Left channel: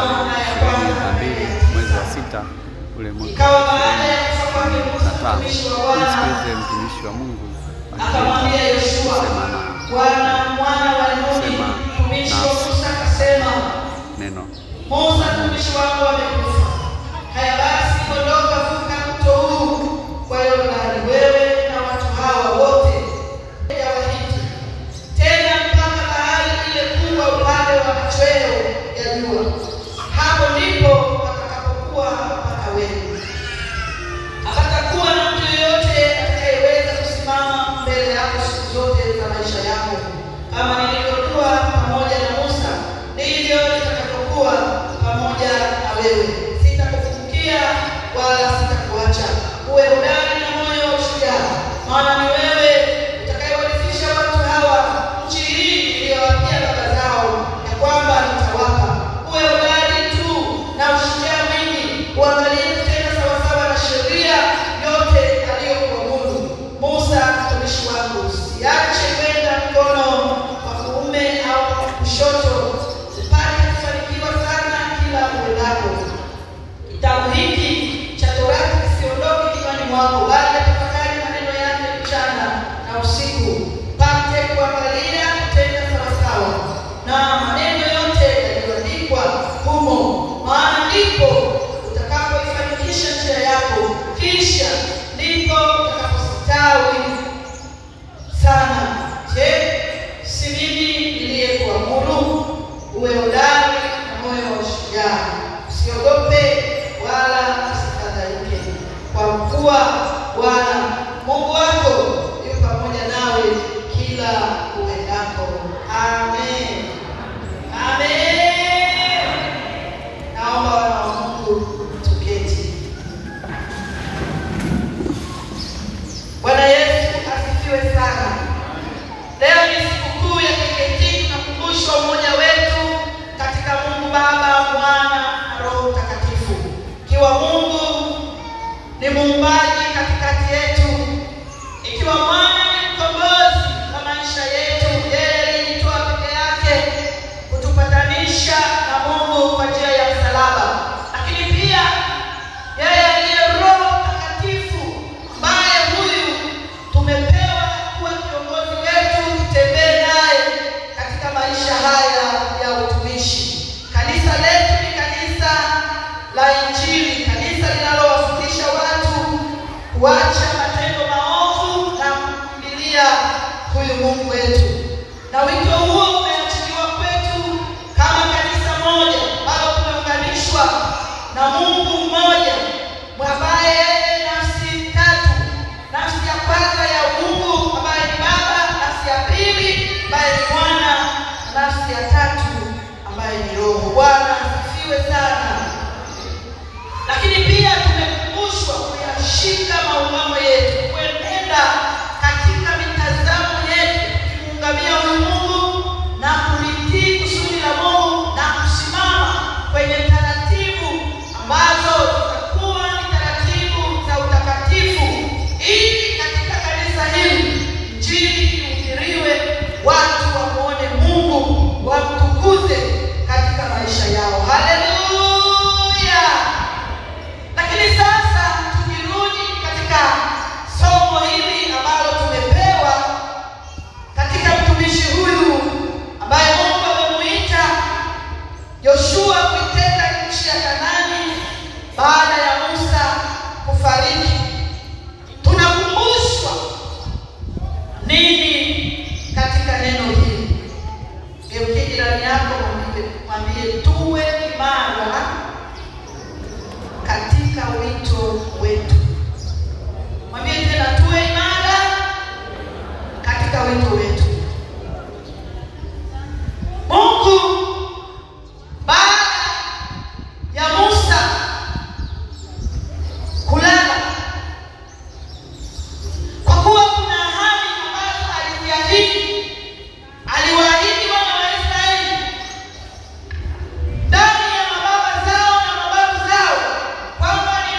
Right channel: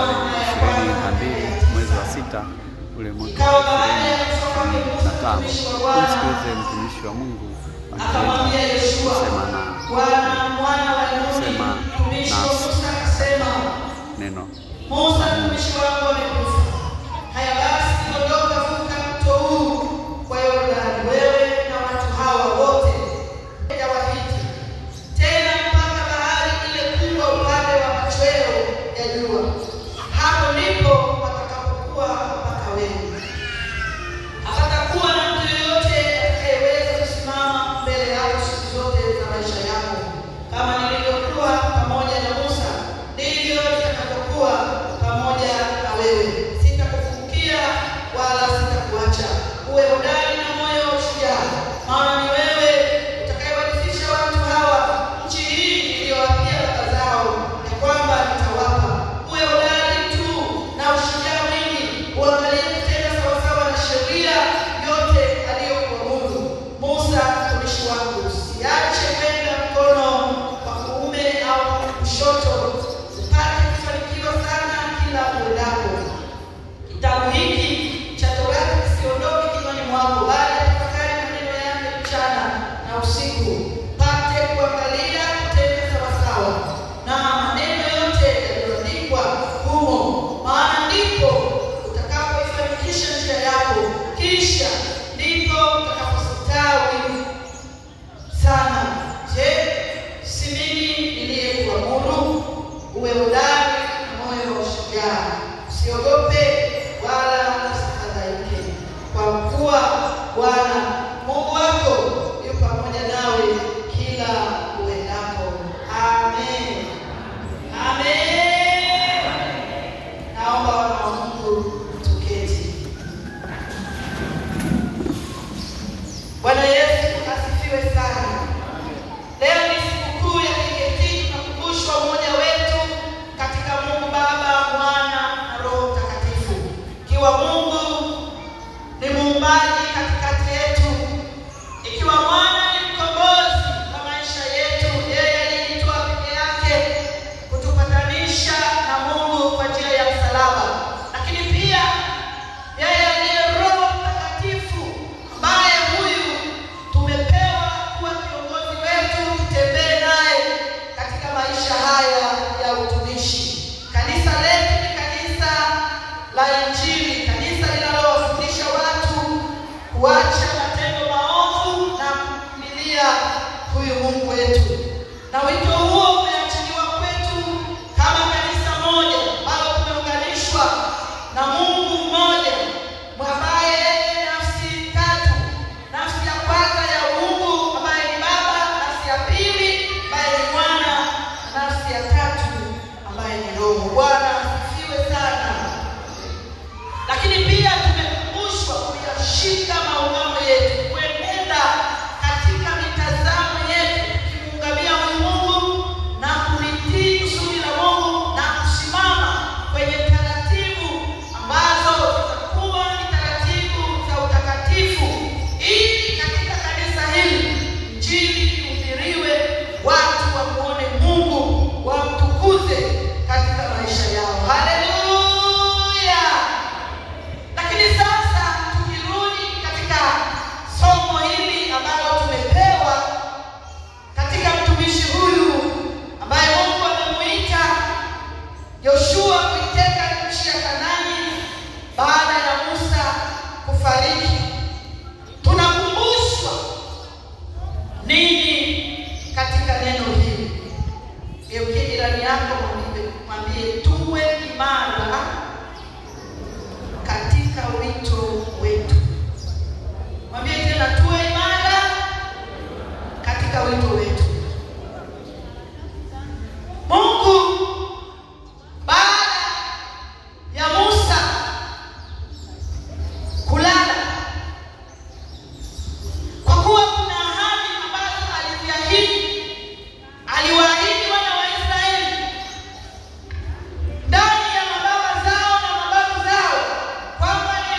22 mwezi wa 6 ule mwaka wa 2025. Tumsikilize mtumishi wa Mungu akisema neno. Musa mtumishi wako amekufa. Haya basi ondoka, vuka mto huu kwa Yordani, wewe na watu hawa wote Wahiti, tena mpaka bahari ile kubwa upande wa machweo ya jua. Hapo ndipo watakapokuwa mpaka wewe. Hapatakuwa na mtu yeyote atakayeweza kusimama mbele yako siku zote za maisha yako. Kama nilivyokuwa pamoja na Musa, ndivyo nitakavyokuwa pamoja na wewe. Sitakufukia wala sitakuacha. Uwe hodari na moyo wa ushujaa, maana ni wewe utakayewarithisha watu hawa nchi hii niliyowapia baba zao, ya kwamba nitawapa. Uwe hodari tu na ushujaa mwingi, uangalie tena sawasawa na sheria yote aliyokuamuru Musa mtumishi wangu. Usiache kwenda mkono wa kuume au kushoto, usipate kufanikiwa sana kila uendapo. Kitabu hiki cha Torati kisiondoke kinywani mwako, bali tafakari maneno yake mchana na usiku, pate kuangalia kutenda sawasawa na maneno yote yaliyoandikwa humo, maana ndipo utakapoifanikisha njia yako, kisha ndipo utakapostawi sana. Je, si mimi niliyekuamuru? Uwe hodari na moyo wa ushujaa, usiogope wala usifadhaike, kwa kuwa Bwana Mungu wako yu pamoja nawe kila uendapo. Amen. Amen. Naomba wana wa Mungu tuketi. Bwana Yesu asifiwe sana. Leo ni sikukuu ya keketiki, tunakumbushwa umoja wetu katika Mungu Baba, Mwana na Roho Mtakatifu. Ikiwa Mungu ni muumbaji katikati yetu, ikiwa Mwana ni mkombozi wa maisha yetu, yeye alijitoa peke yake kutupatanisha na Mungu kwa njia ya msalaba. Lakini pia yeye aliye Roho Mtakatifu, ambaye huyu tumepewa kuwa kiongozi wetu, tutembee naye katika maisha haya ya utumishi. Kanisa letu ni kanisa la Injili, kanisa linalowafundisha watu kuacha matendo maovu na kumkimbilia huyu Mungu wetu. Na wito huo umeachiliwa kwetu kama kanisa moja ambalo tumeunganishwa na Mungu mmoja, ambaye nafsi tatu. Nafsi ya kwanza ya Mungu ambaye ni Baba, nafsi ya pili ambaye ni Mwana, nafsi ya tatu ambaye ni Roho. Bwana asifiwe sana. Lakini pia tumekumbushwa kuyashika maungamo yetu, kuenenda katika mitazamo yetu, kuungamia Mungu na kulitii kusudi la Mungu, na kusimama kwenye taratibu ambazo zitakuwa ni taratibu za utakatifu, ili katika kanisa hili Injili ihubiriwe, watu wamuone Mungu, wamtukuze katika maisha yao. Haleluya! Lakini sasa tukirudi katika somo hili ambalo tumepewa katika mtumishi huyu ambaye Mungu amemuita Yoshua kuiteka nchi ya Kanaani baada ya Musa kufariki, tunakumbushwa nini katika neno hili? Geukia jirani yako, mwambie tuwe imara katika wito wetu. Mwambie tena, tuwe imara katika wito wetu. Mungu baada ya Musa kulala, kwa kuwa kuna ahadi ambazo aliziahidi, aliwaahidi wana wa Israeli ndani ya mababa zao na mababu zao kwamba ni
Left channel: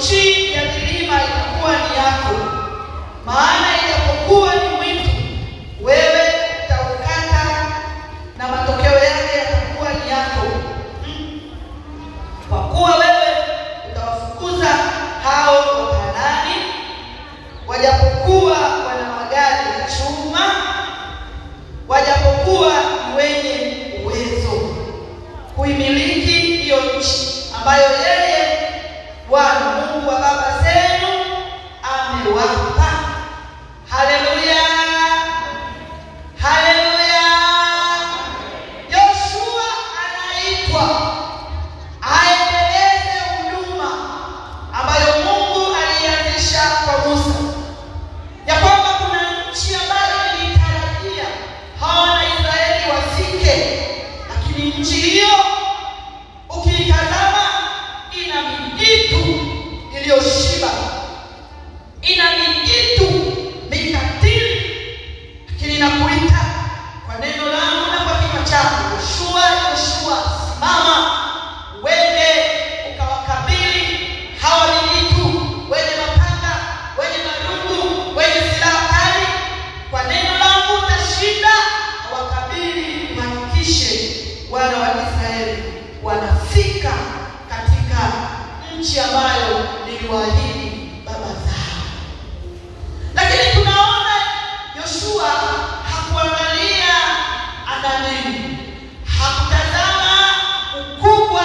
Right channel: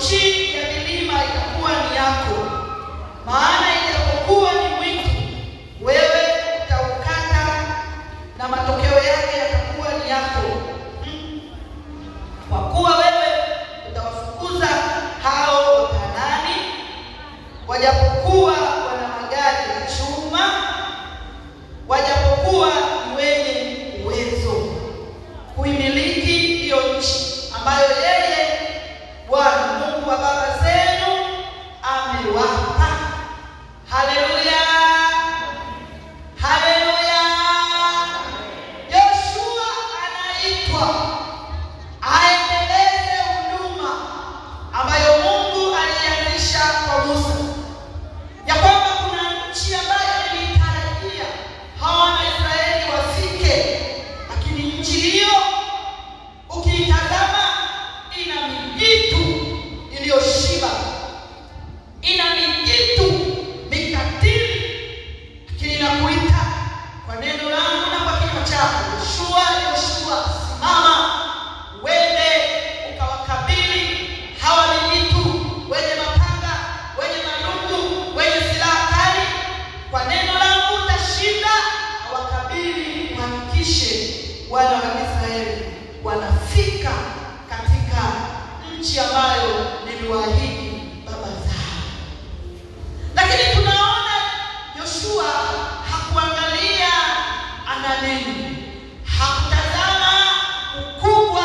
nchi ya milima itakuwa ni yako, maana ijapokuwa ni mwitu, wewe utaukata na matokeo yake yatakuwa ni yako. Kwa kuwa wewe utawafukuza hao Wakanaani, wajapokuwa wana magari ya chuma, wajapokuwa ni wenye uwezo kuimiliki hiyo nchi ambayo yeye Bwana Mungu wa baba zenu amewapa. Haleluya, haleluya. Yoshua anaitwa aendeleze huduma ambayo Mungu alianzisha kwa Musa, ya kwamba kuna nchi ambayo ilitarajia hawa Israeli wafike, lakini nchi hiyo ukiitazama ina mijitu iliyoshiba, ina mijitu mikatili. Lakini nakuita kwa neno langu na kwa kinywa chako, Yoshua, simama uende ukawakabili hawa mijitu wenye mapanga, wenye marungu, wenye silaha kali. Kwa neno langu utashinda, wakabili, uhakikishe wana wa Israeli wanafika katika nchi ambayo niliwaahidi baba zao. Lakini tunaona Yoshua hakuangalia ana nini, hakutazama ukubwa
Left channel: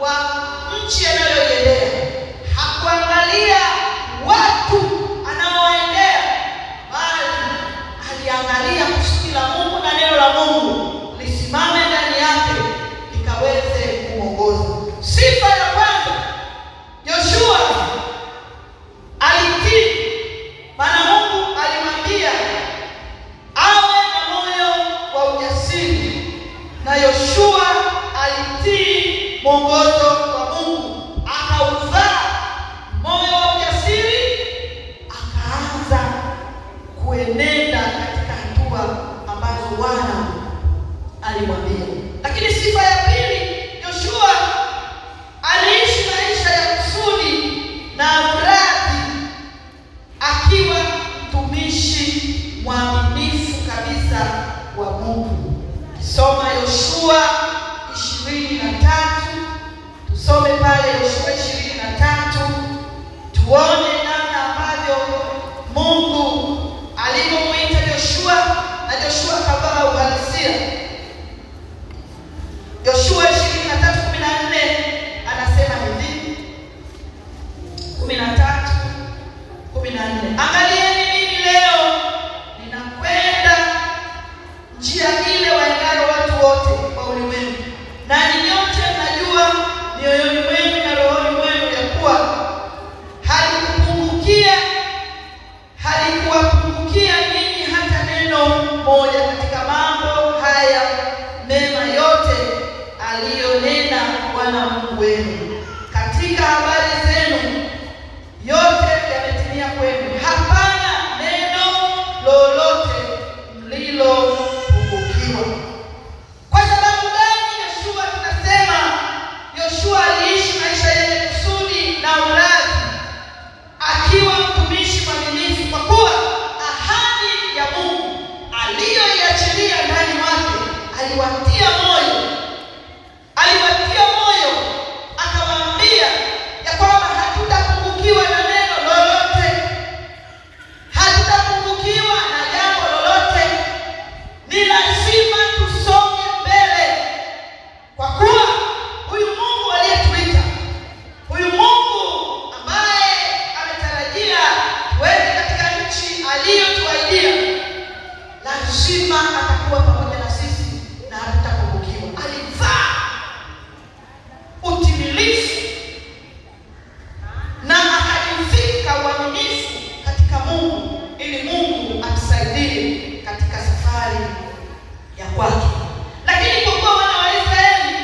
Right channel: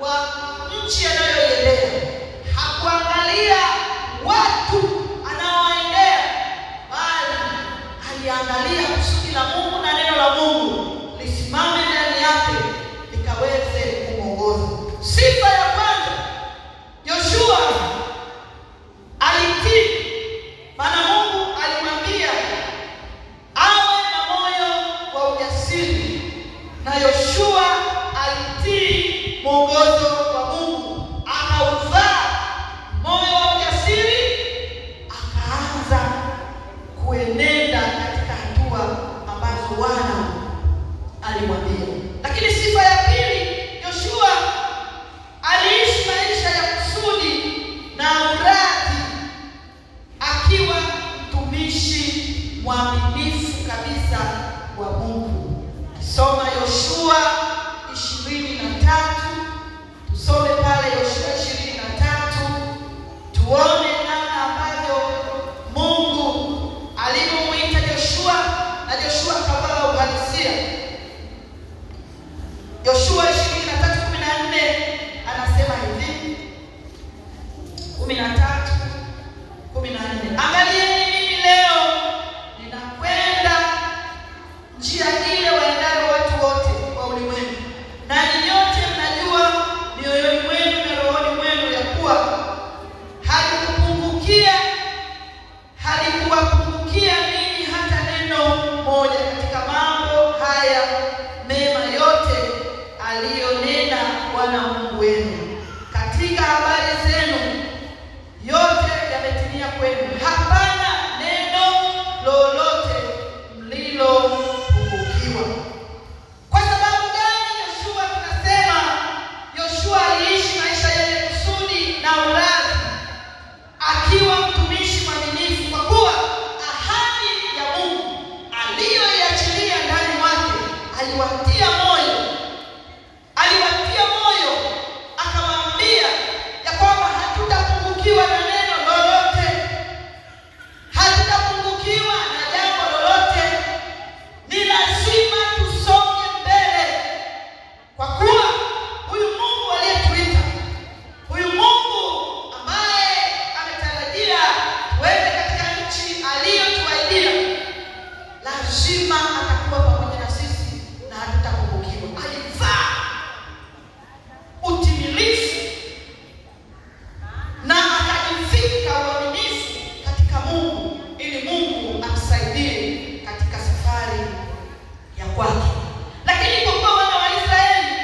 wa nchi anayoiendea, hakuangalia watu anaowaendea, bali aliangalia kusudi la Mungu na neno la Mungu lisimame ndani yake likaweze kuongoza. Sifa ya kwanza, Yoshua alitii, maana Mungu alimwambia awe na moyo wa ujasiri, na Yoshua alitii mwongozo wa Mungu, akauzaa moyo wa ujasiri, akaanza kuenenda katika hatua ambazo Bwana alimwambia. Lakini sifa ya pili, Yoshua aliishi maisha ya kusudi na uradhi, akiwa mtumishi mwaminifu kabisa wa Mungu. Kisoma Yoshua 23, tusome pale Yoshua 23, tuone namna ambavyo Mungu alimuita Yoshua na Yoshua akavaa uhalisia. Yoshua 23:14 anasema hivi, 13:14, angalieni mimi leo ninakwenda njia ile waendao watu wote wa ulimwengu, na nyote mnajua mioyoni mwenu na rohoni mwenu ya kuwa halikuwapungukia ninyi hata neno moja katika mambo haya mema yote aliyonena Bwana Mungu wenu. Katika habari zenu yote yametimia kwenu, hapana neno lolote mlilopungukiwa. Kwa sababu gani Yoshua tunasema Yoshua aliishi maisha yenye kusudi na uradhi, akiwa mtumishi mwaminifu? Kwa kuwa ahadi ya Mungu aliyoiachilia ndani mwake aliwatia moyo, akawaambia ya kwamba hatutapungukiwa na neno lolote, hatutapungukiwa na jambo lolote. Ni lazima tusonge mbele, kwa kuwa huyu Mungu aliyetuita, huyu Mungu ambaye ametarajia tuende katika nchi aliyotuahidia, lazima atakuwa pamoja na sisi na hatutapungukiwa. Alivaa utimilifu na akajivika uaminifu katika Mungu, ili Mungu atusaidie katika safari ya kwake. Lakini kwa kuwa wana wa Israeli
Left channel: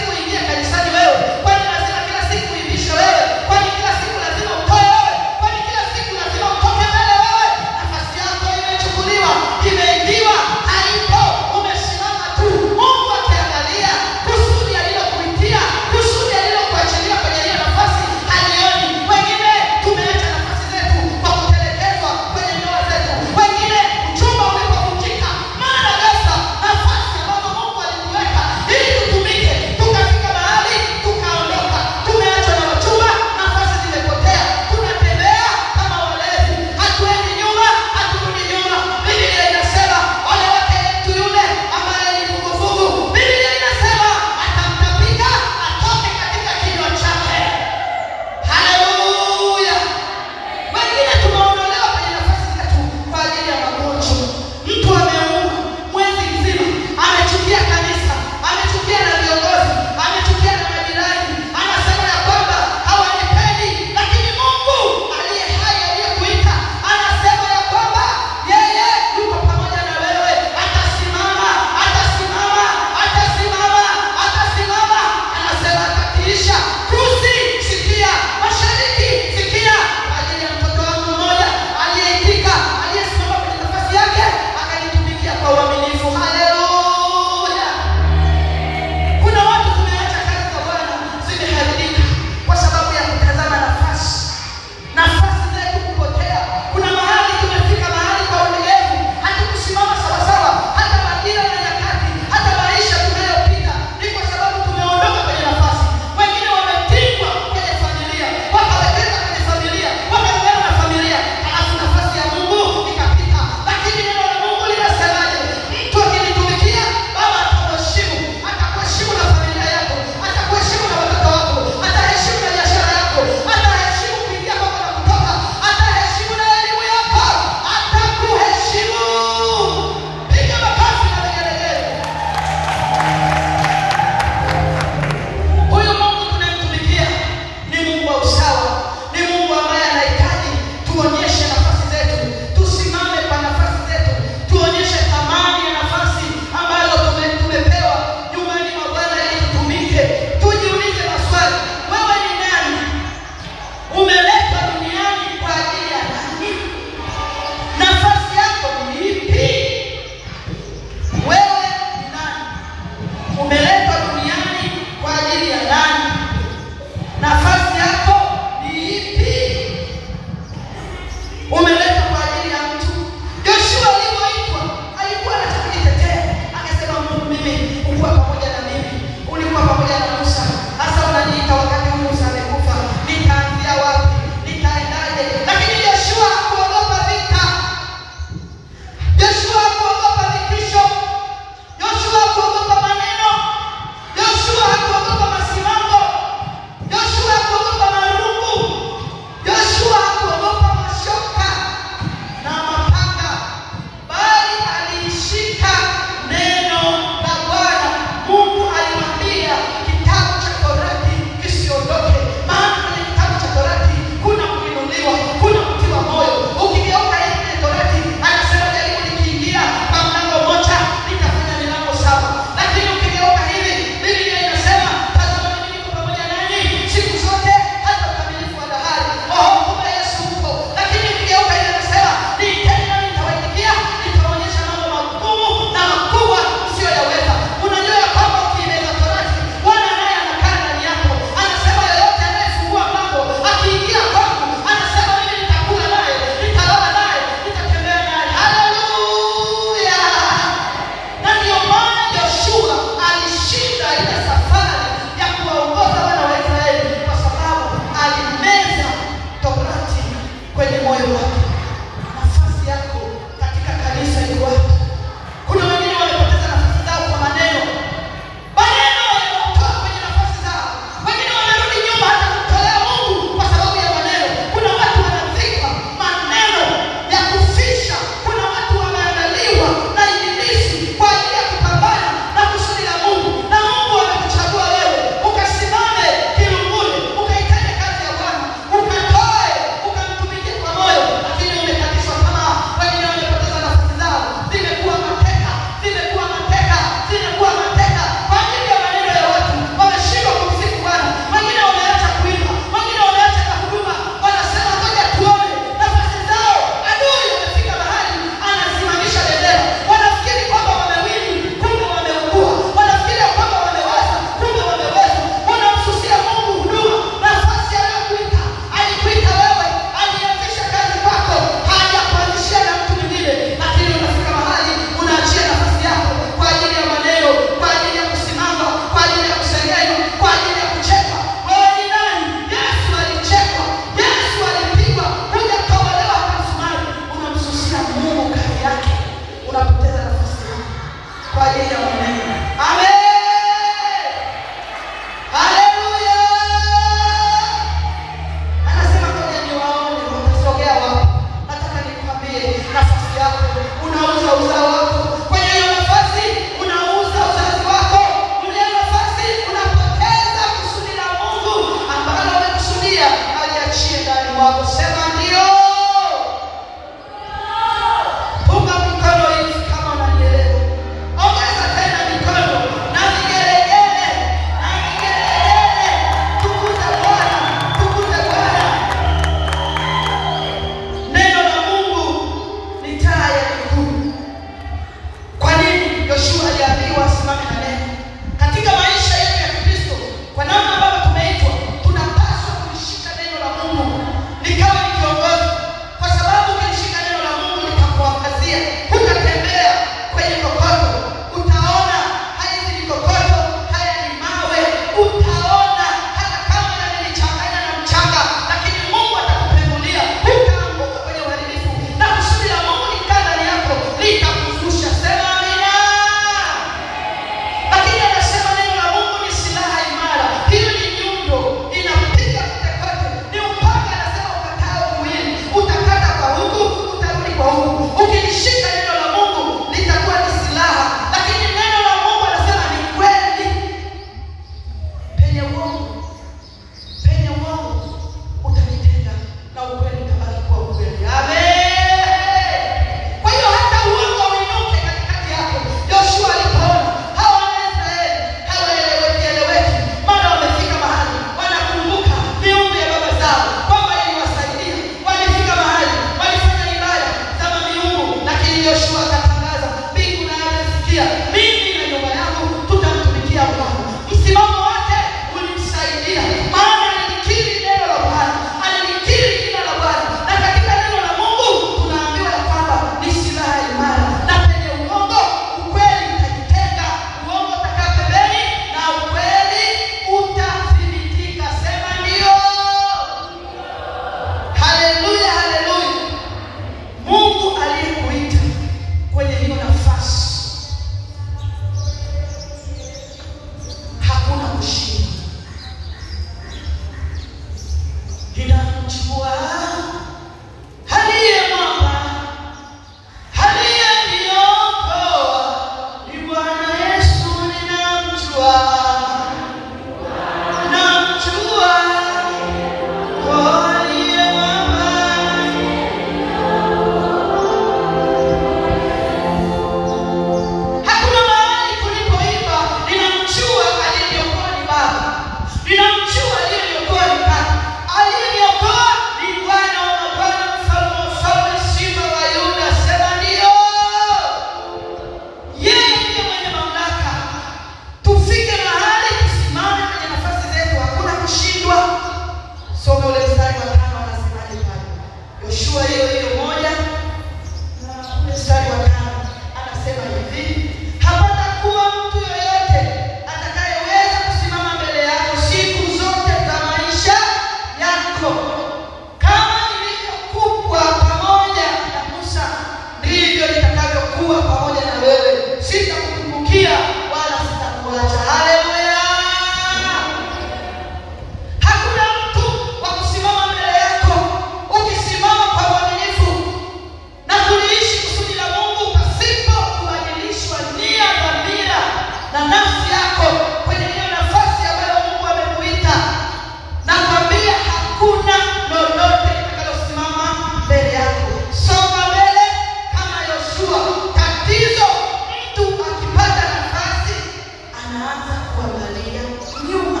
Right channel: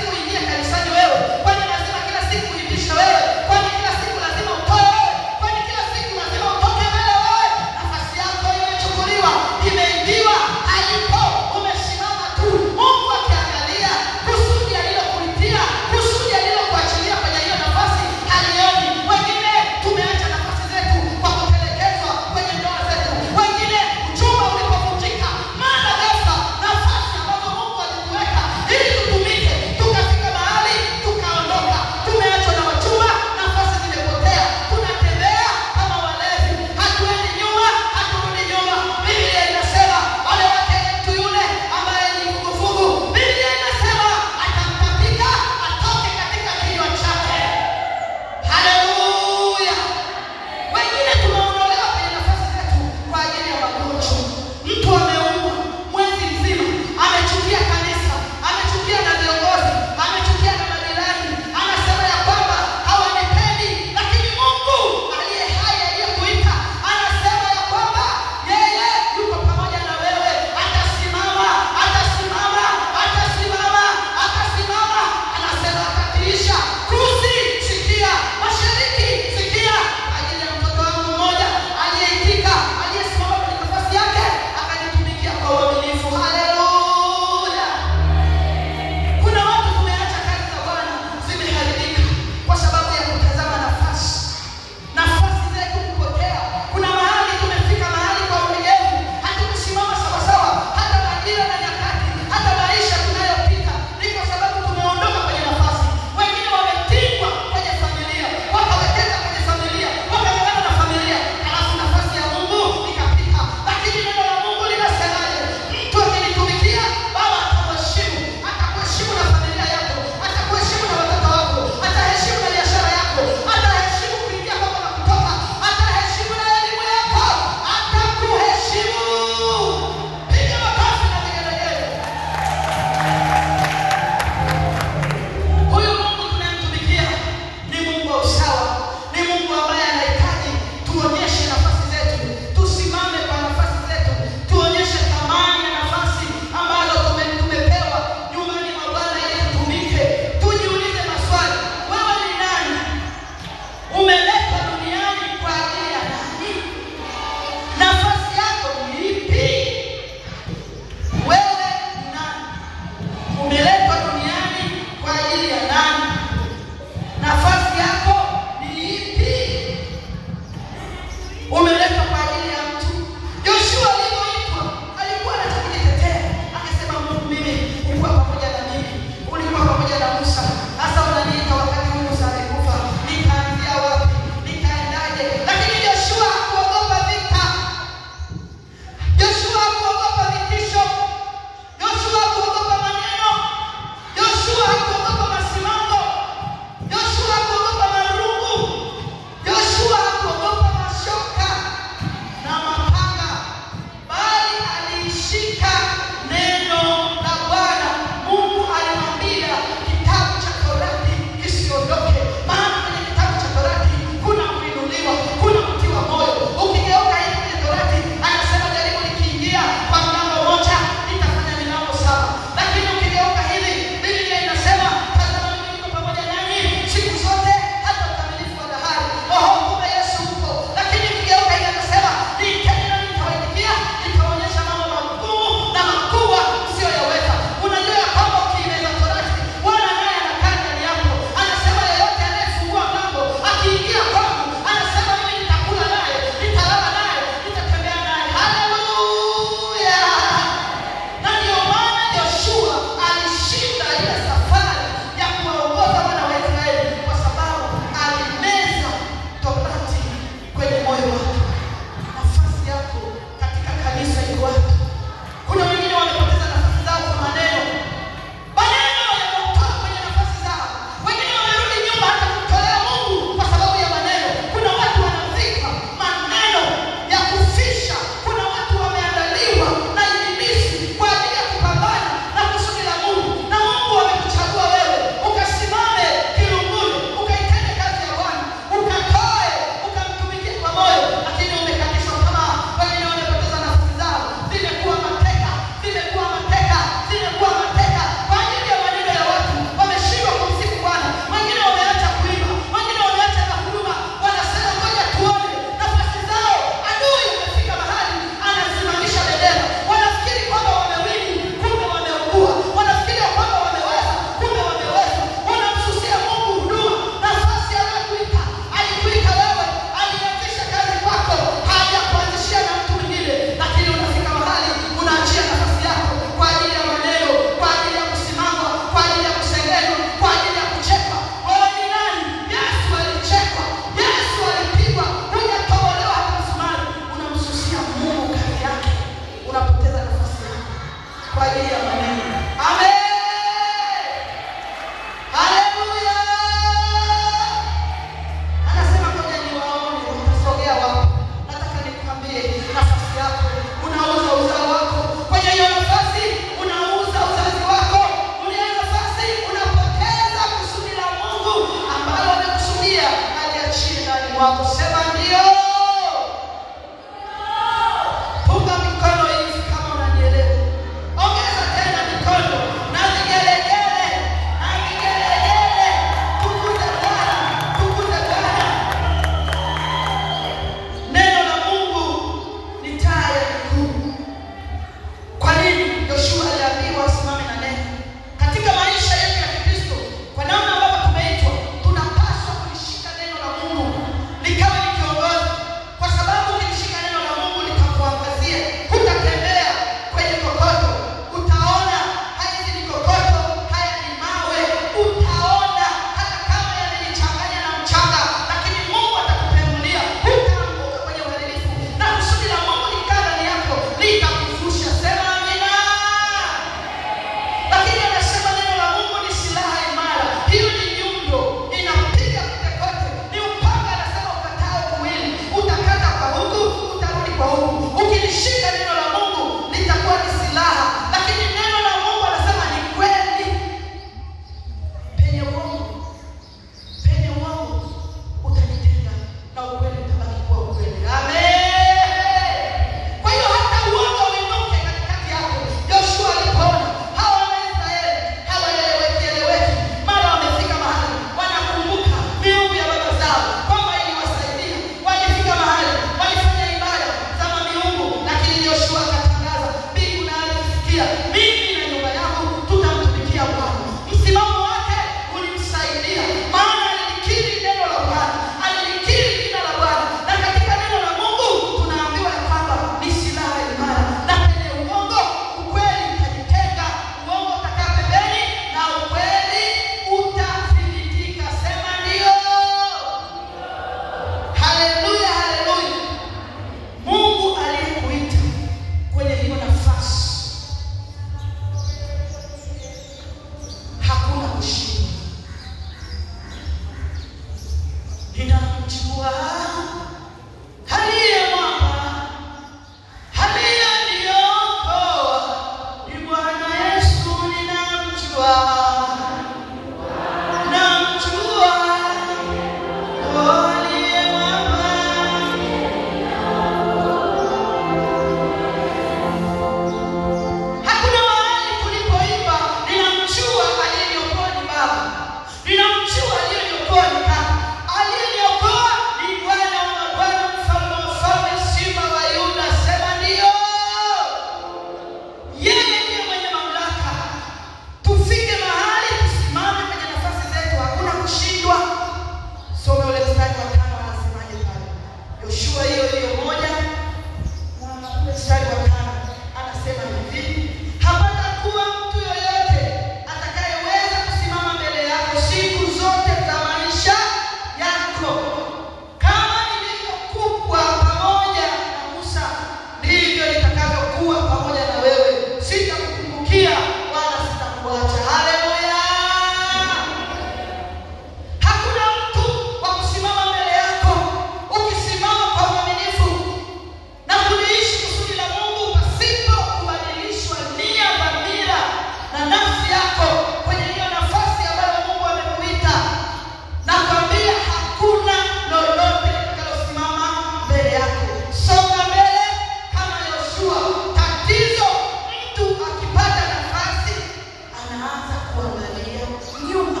wanaanza kuangalia nyuma.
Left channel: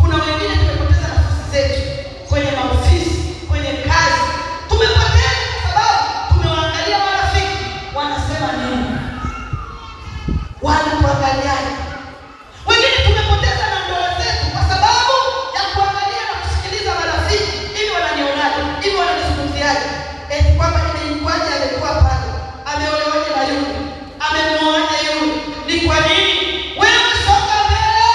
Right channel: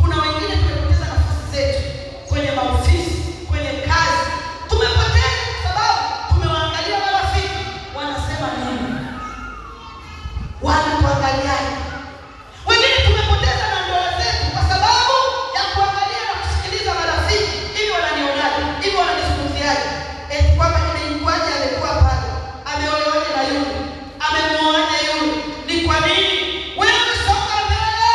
Kuna wengine tumepoteza nafasi zetu kwenye maofisi, kwenye kazi. Tumepoteza kwa sababu tumewaangalia marafiki wanasema nini, wanatuangaliaje. Wengine tumepoteza na ndoa zetu kwa sababu ya kuangalia na kusikiliza marafiki, hivyo wananionaje, hivyo wananizungumziaje, kwamba nilimkwaje alikuwa pale, ameolewaje na yule, amemuoaje yule. Ni kwa nini? Wewe songa mbele,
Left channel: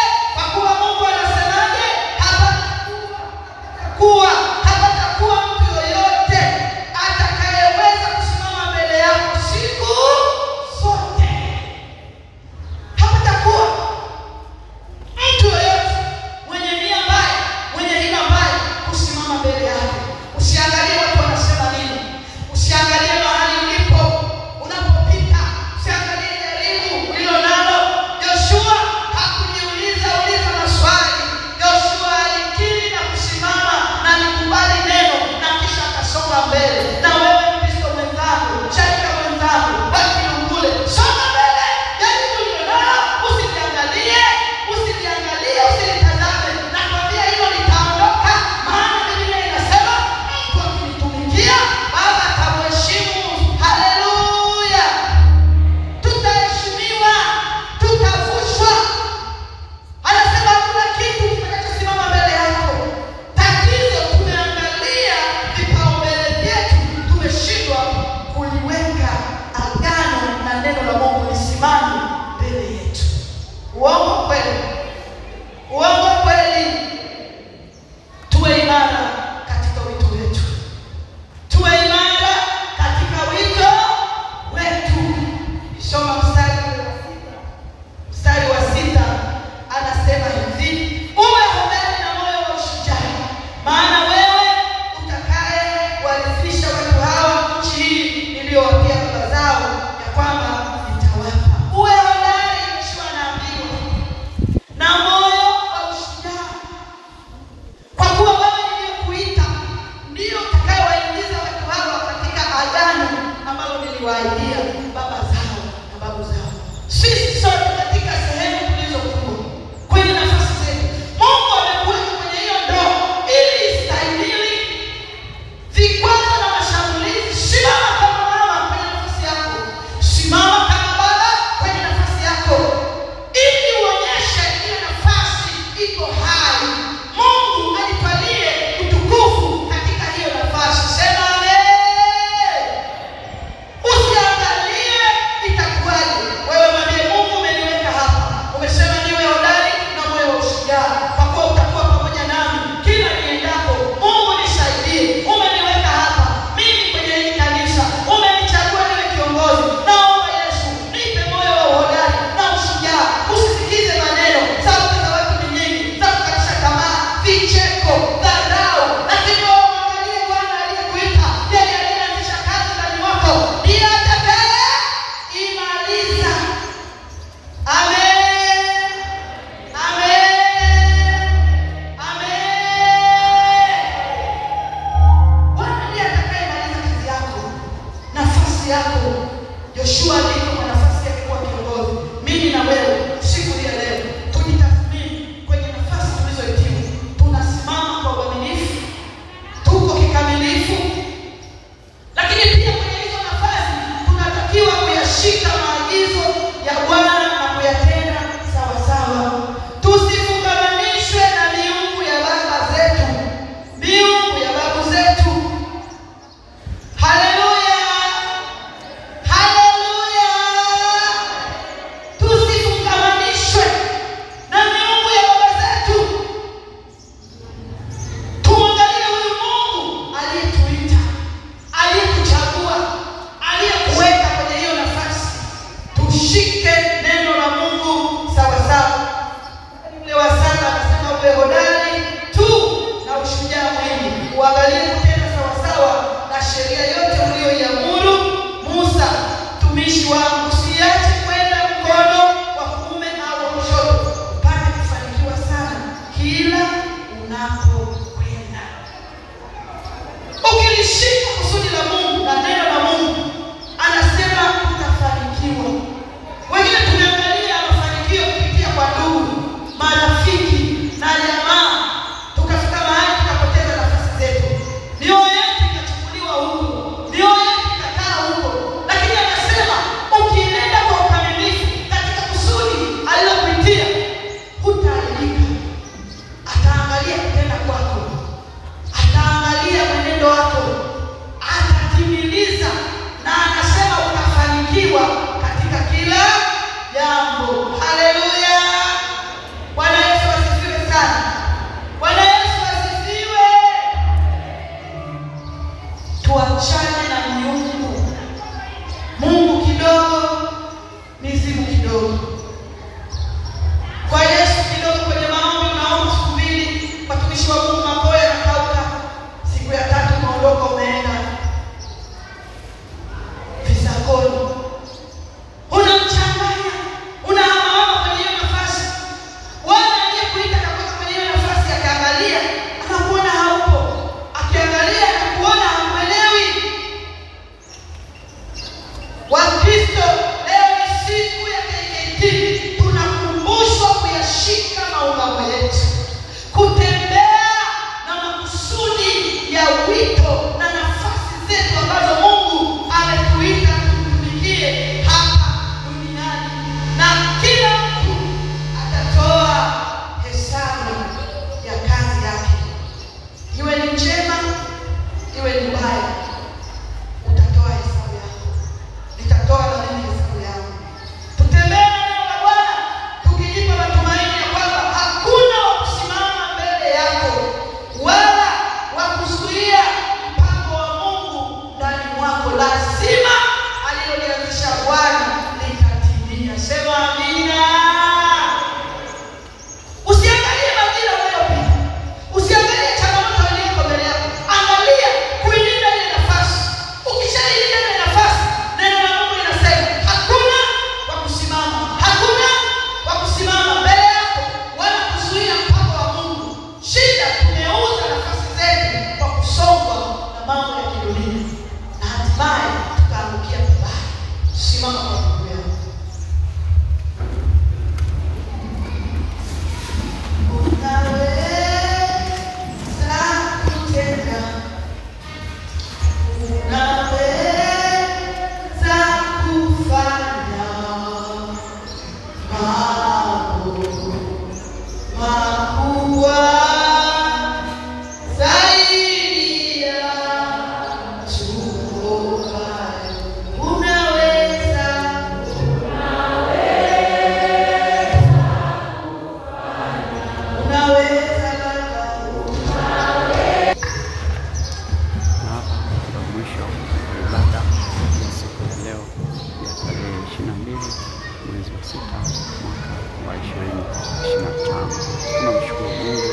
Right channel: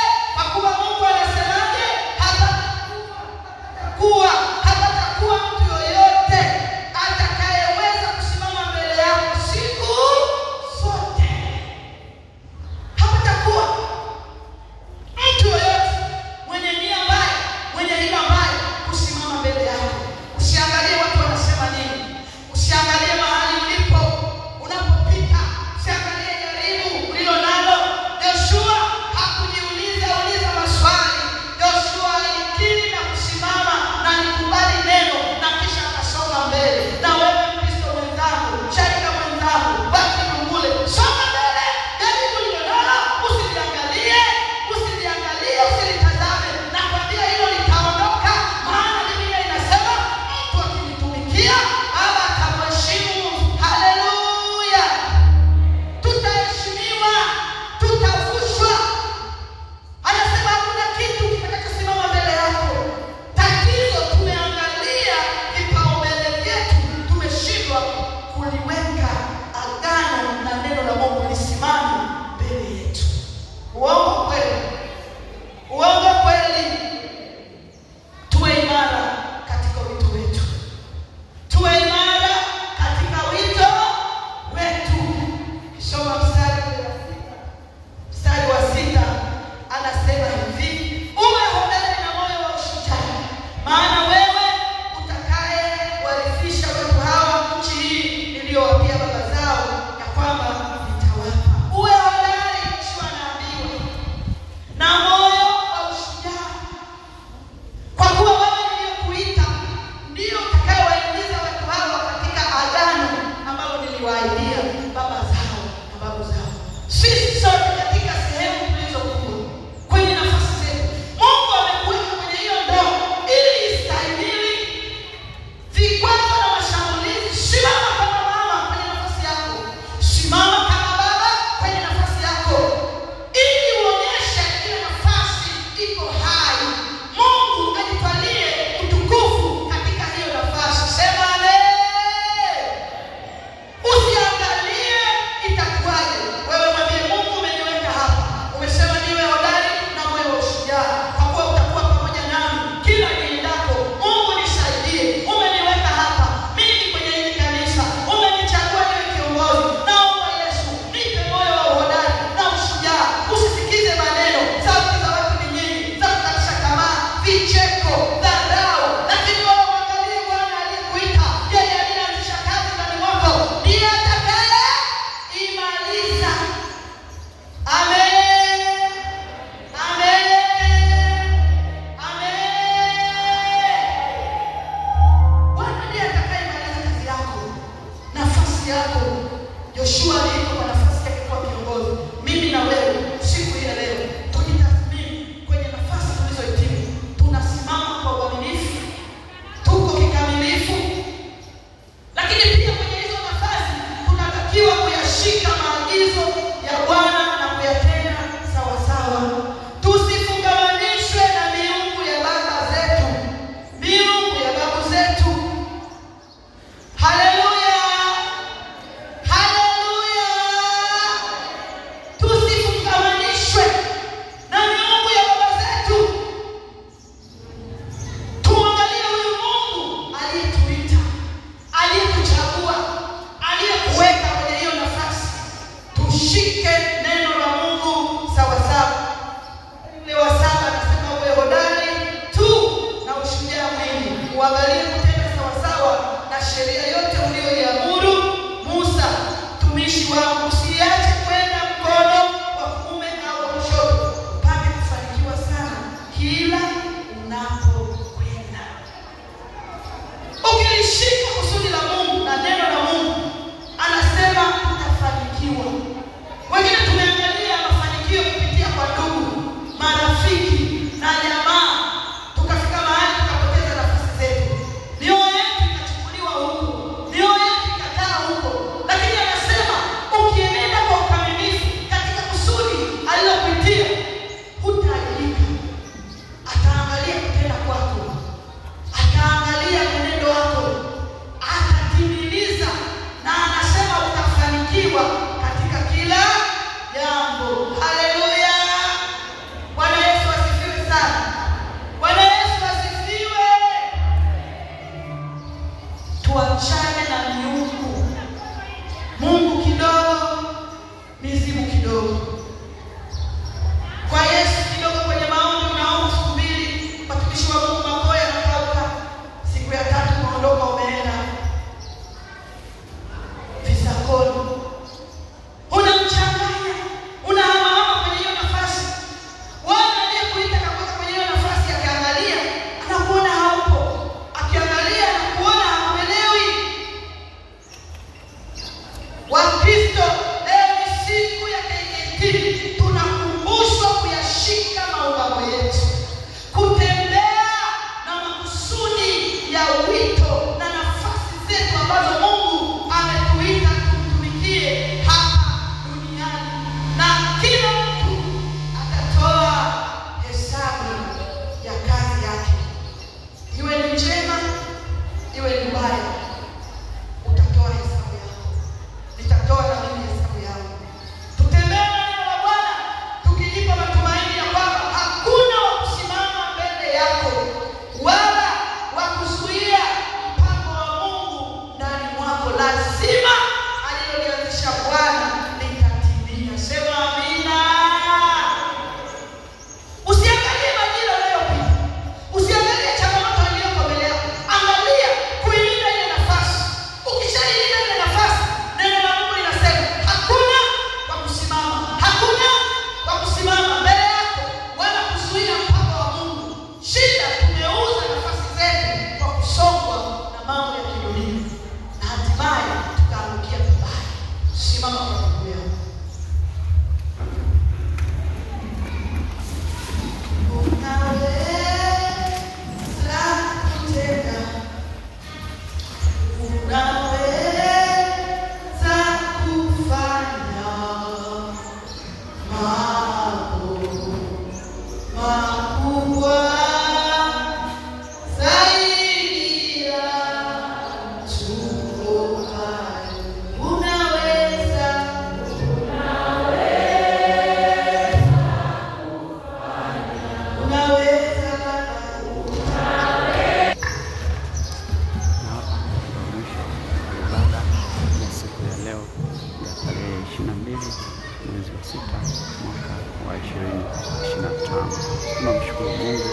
Tunamshukuru Mungu,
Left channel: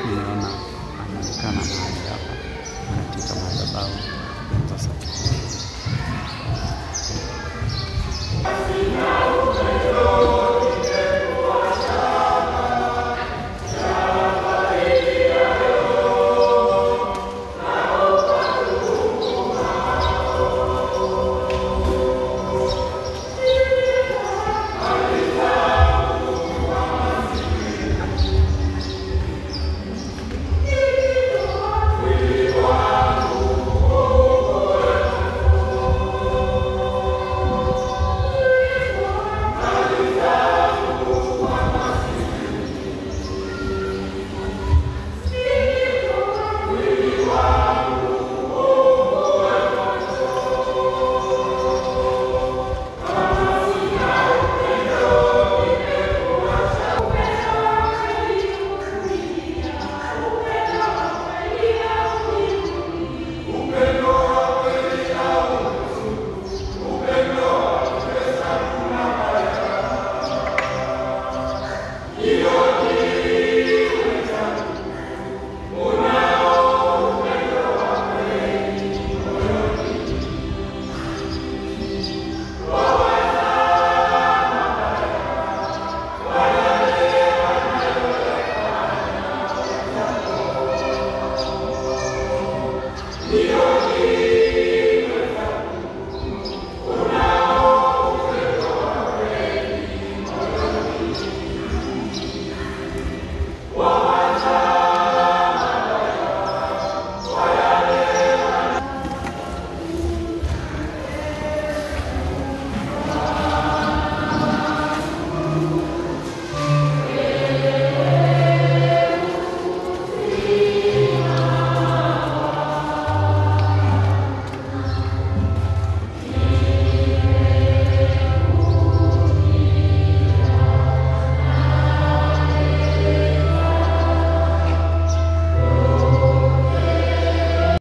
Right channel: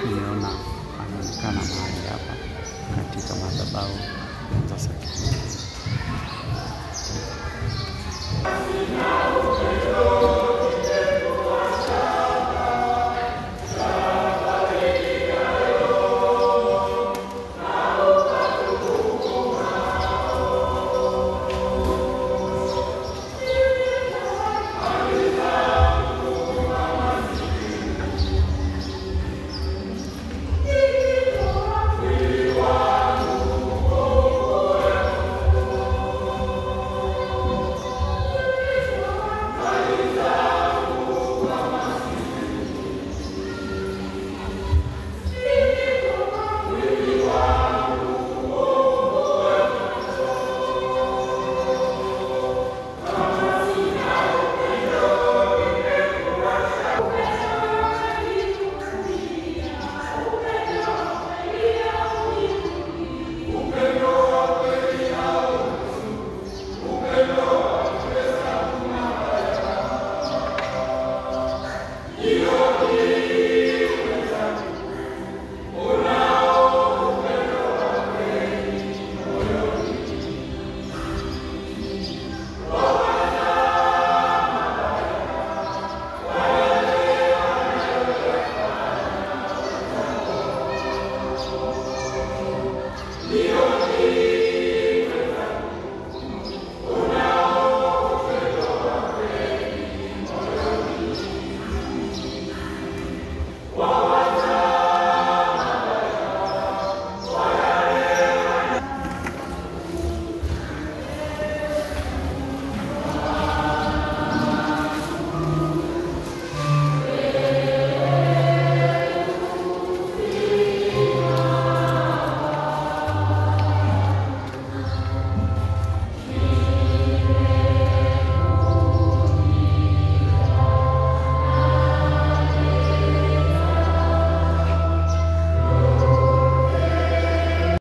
tumeona ameonekana mahali hapa katika madhabahu ya Nzasa.